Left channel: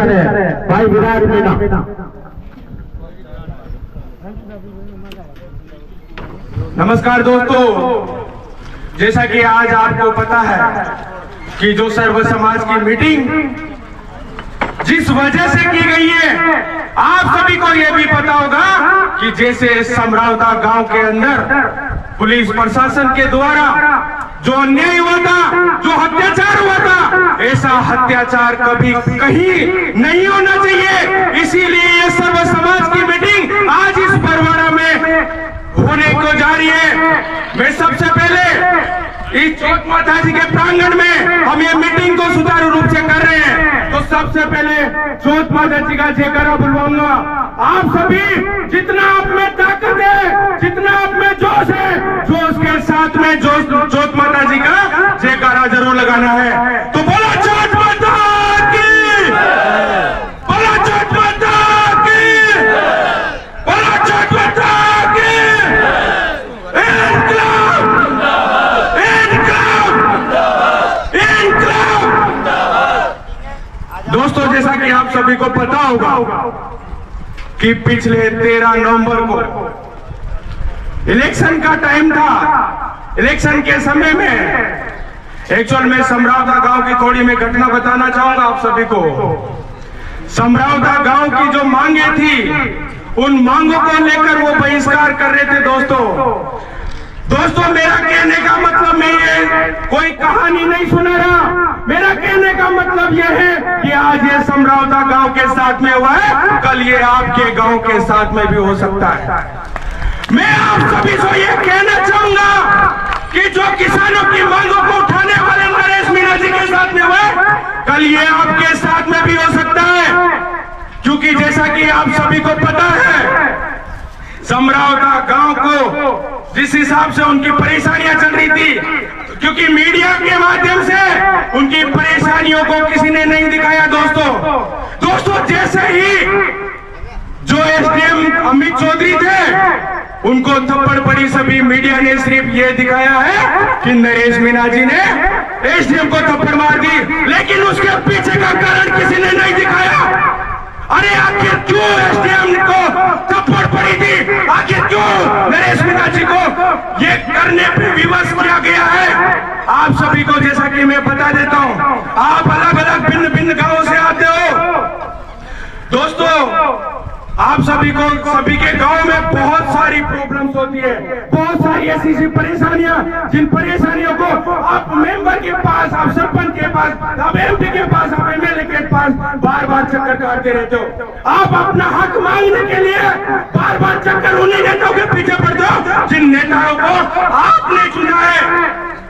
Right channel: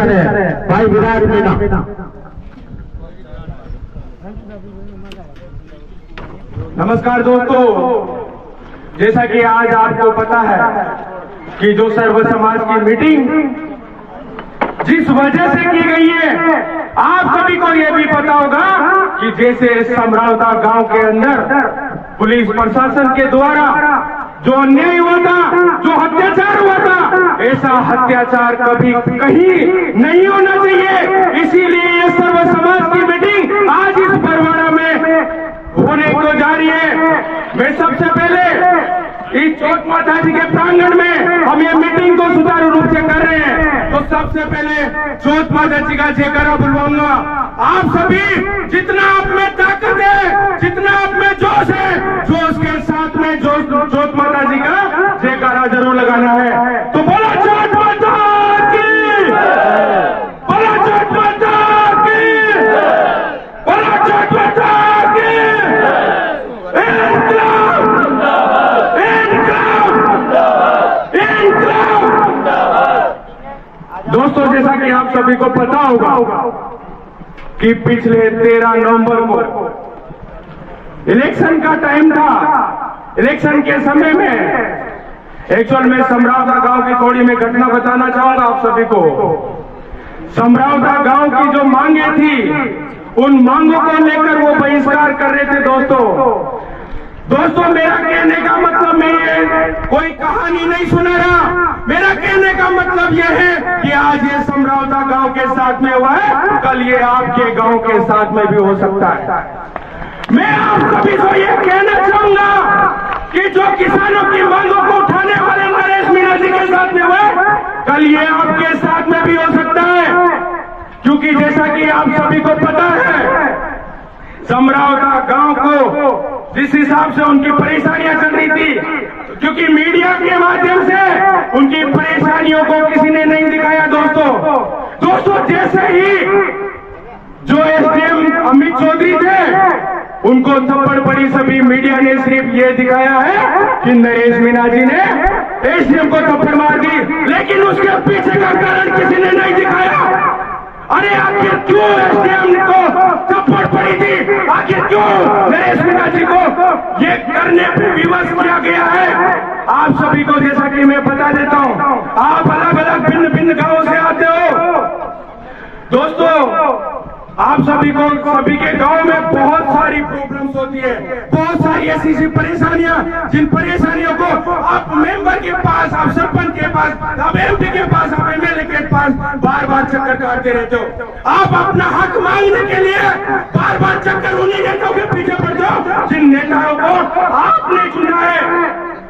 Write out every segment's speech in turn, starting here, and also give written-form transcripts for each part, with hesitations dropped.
करे भाई विराट मीना। नमस्कार दोस्तों, जैसा कि आज आपको पता है कि जो सर्व समाज की मीटिंग जिस वजह से की गई है, आप सभी को यह भी पता होगा कि जैसे समरावता गांव के अंदर पुलिस प्रशासन के द्वारा जो अन्याय हुआ था, जो अत्याचार हुआ था, ऐसा अत्याचार कभी कहीं नहीं होना चाहिए। इसीलिए ये सर्व समाज की मीटिंग आज इस बरवाड़ा में होने को जा रही है। मैं सबसे पहले इस चौथ माता जी के प्रांगण में हम ये मीटिंग को सुचारू रूप से कर रहे हैं, तो सबसे पहले चौथ माता जी का जयकारा बुलवाऊंगा। आप सभी जितना आप में ताकत है, जितना आप में जोश है, जोश के साथ में जोश चौथ माता जी का जयकारा जरूर लगाना है। तो बोलो चौथ माता की, बोलो चौथ माता की, बोलो चौथ माता की। दोस्तों, जैसा कि आप सभी को पता होगा कि पिछले 13 नवंबर को इलेक्शन का टाइम था। इलेक्शन के समय में एक्चुअल में समरावता गांव की थोड़ी मैं घटना बताना चाहूंगा आप सभी को। समरावता गांव की जो मांगे थी, उन मांगों को लेकर वो बहिष्कार कर रहे थे। दोस्तों मेरा कहने का मतलब मैं ये कोई कहानी नहीं सुना रहा। मेरा कहने का मतलब ये है कि आज ये समरावता गांव के साथ में हुआ है, कल ये आपके गांव के साथ में भी हो सकता है। मैं आप सभी को ये कहना चाहूंगा कि जो किसानों की मांगों को उठाने वाले नरेश मीणा जी के साथ में हुआ है, कल ये आपके साथ में भी हो सकता है। क्योंकि जैसा कि आप सभी को पता है, समरावता गांव को जिस हिसाब से उनकी परेशानियां चल रही थी, क्योंकि मीडिया के माध्यम से उनकी परेशानियों को किसी ने नहीं दिखाया। दोस्तों जैसे ही जो एसडीएम अमित चौधरी थे, उनको थप्पड़ पड़ी, सभी मीडिया ने सिर्फ ये दिखाया है कि नरेश मीणा जी ने एसडीएम को थप्पड़ मार दी, लेकिन उसके पीछे का कारण किसी ने नहीं दिखाया। अरे आखिर क्यों एसडीएम को थप्पड़ पड़ी थी, आखिर क्यों नरेश मीणा जी को ये करने पे विवश किया गया है, आप सभी को जैसा कि मैं बता देता हूं। आप अलग अलग भिन्न भिन्न गांवों से आते हो। दोस्तों आप सभी के गांव में बहुत सारी प्रॉब्लम्स होती है, बहुत सारी ऐसी परेशानियां, जिन परेशानियों को आप मेंबर के पास, आप सरपंच के पास, आप एमपी के पास, आप एमएलए के पास बार बार चक्कर काटते रहते हो। आप अपना हक मांगने के लिए बार बार चक्कर उन्हीं नेताओं के पीछे पड़ते हो जिन नेताओं को आपने चुना है।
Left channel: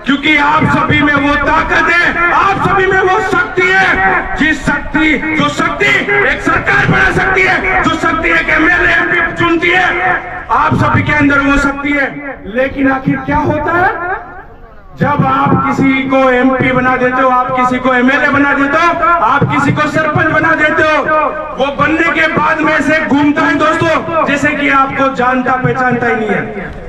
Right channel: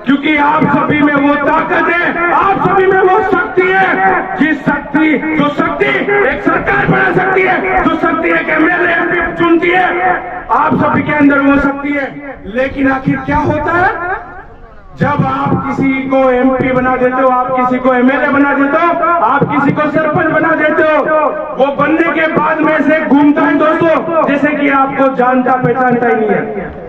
क्योंकि आप सभी में वो ताकत है, आप सभी में वो शक्ति है, जो शक्ति एक सरकार बना सकती है, जो शक्ति एक एमएलए एमपी चुनती है, आप सभी के अंदर वो शक्ति है। लेकिन आखिर क्या होता है, जब आप किसी को एमपी बना देते हो, आप किसी को एमएलए बना देते हो, आप किसी को सरपंच बना देते हो, वो बनने के बाद में से घूमता है दोस्तों जैसे कि आपको जानता पहचानता ही नहीं है।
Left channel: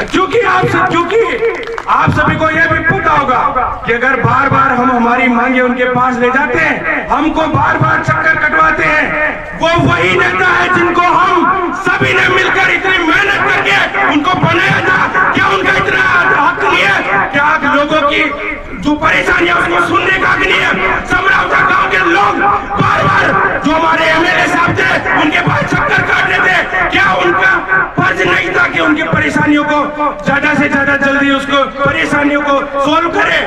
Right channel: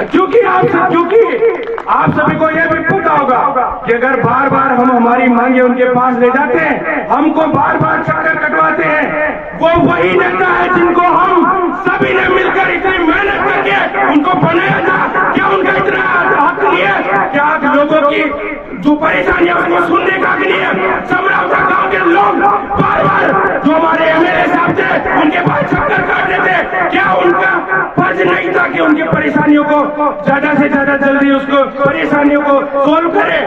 क्योंकि आप सभी को यह भी पता होगा कि अगर बार बार हम हमारी मांगे उनके पास ले जाते हैं, हमको बार बार चक्कर कटवाते हैं, वो वही नेता है जिनको हम सभी ने मिलकर इतनी मेहनत करके उनको बनाया था। क्या उनका इतना हक नहीं है? क्या लोगों की जो परेशानियां उसको सुनने का हक नहीं है? समरावता गांव के लोग बार बार जो हमारे एमएलए साहब थे उनके पास चक्कर काट रहे थे, क्या उनका फर्ज नहीं था कि उनकी परेशानियों को ज्यादा से ज्यादा जल्दी उसको परेशानियों को सोल्व करे?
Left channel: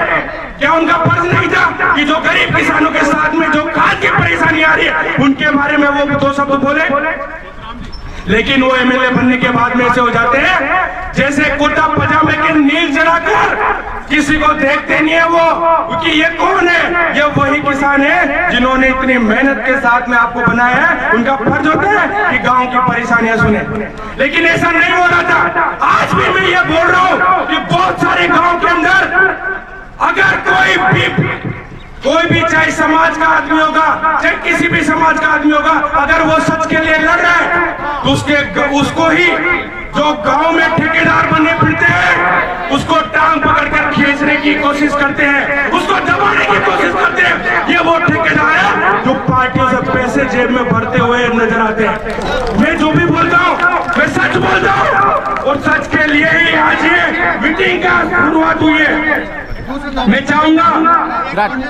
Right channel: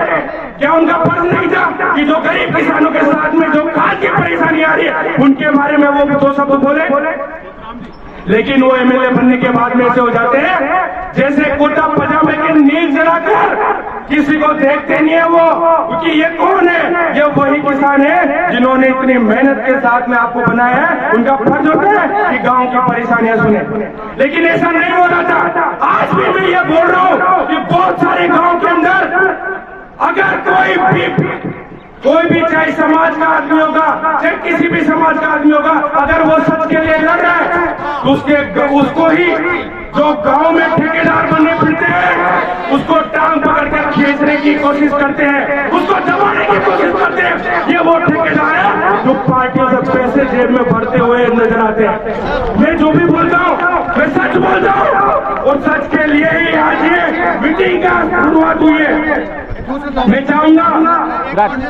क्या उनका फर्ज नहीं था कि जो गरीब किसानों के साथ में जो खाद की परेशानी आ रही है उनके बारे में वो दो शब्द बोले? लेकिन वो एमएलए बनने के बाद में ऐसे हो जाते हैं जैसे कुर्ता पजामे के नील जलाकर किसी को देखते नहीं है वो, क्योंकि ये कौन है? ये वही किसान है जिन्होंने इतनी मेहनत के साथ में आपको बनाया है। उनका फर्ज होता है कि गांव की परेशानियां सुने, लेकिन ऐसा नहीं हो रहा था। आज भी मैं ये बोल रहा हूँ कि बहुत सारे गांव के अंदर अगर कोई भी चाहे समाज का आदमी होगा, चाहे किसी भी समाज का आदमी होगा, अगर वो सच के लिए लड़ रहा है तो उसको ही जो गांव में ठेकेदार बनने पड़ते हैं, उसको टांग पकड़कर खींचने की कोशिश करते हैं, उसको दबाने की कोशिश करते हैं। ये वो ठेकेदार है जो पार्टियों से पैसे जेब में भरते हुए नजर आते हैं। मैं जो भी बोलता हूँ मैं सच बोलता हूँ और सच के लिए ही आज ये मीटिंग का शुरुआत हुई है। मैं चाहूंगा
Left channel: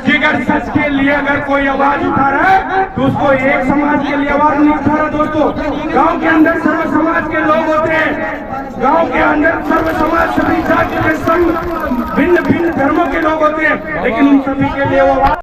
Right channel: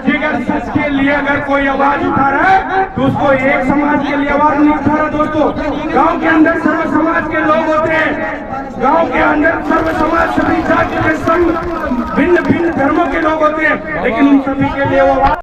कि अगर सच के लिए अगर कोई आवाज उठा रहा है तो उसको एक समाज के लिए आवाज नहीं उठा रहा। दोस्तों, गांव के अंदर सर्व समाज के लोग होते हैं, गांव के अंदर सर्व समाज सभी जाति के संग भिन्न भिन्न धर्मों के लोग होते हैं, लेकिन उन सभी के लिए वो आवाज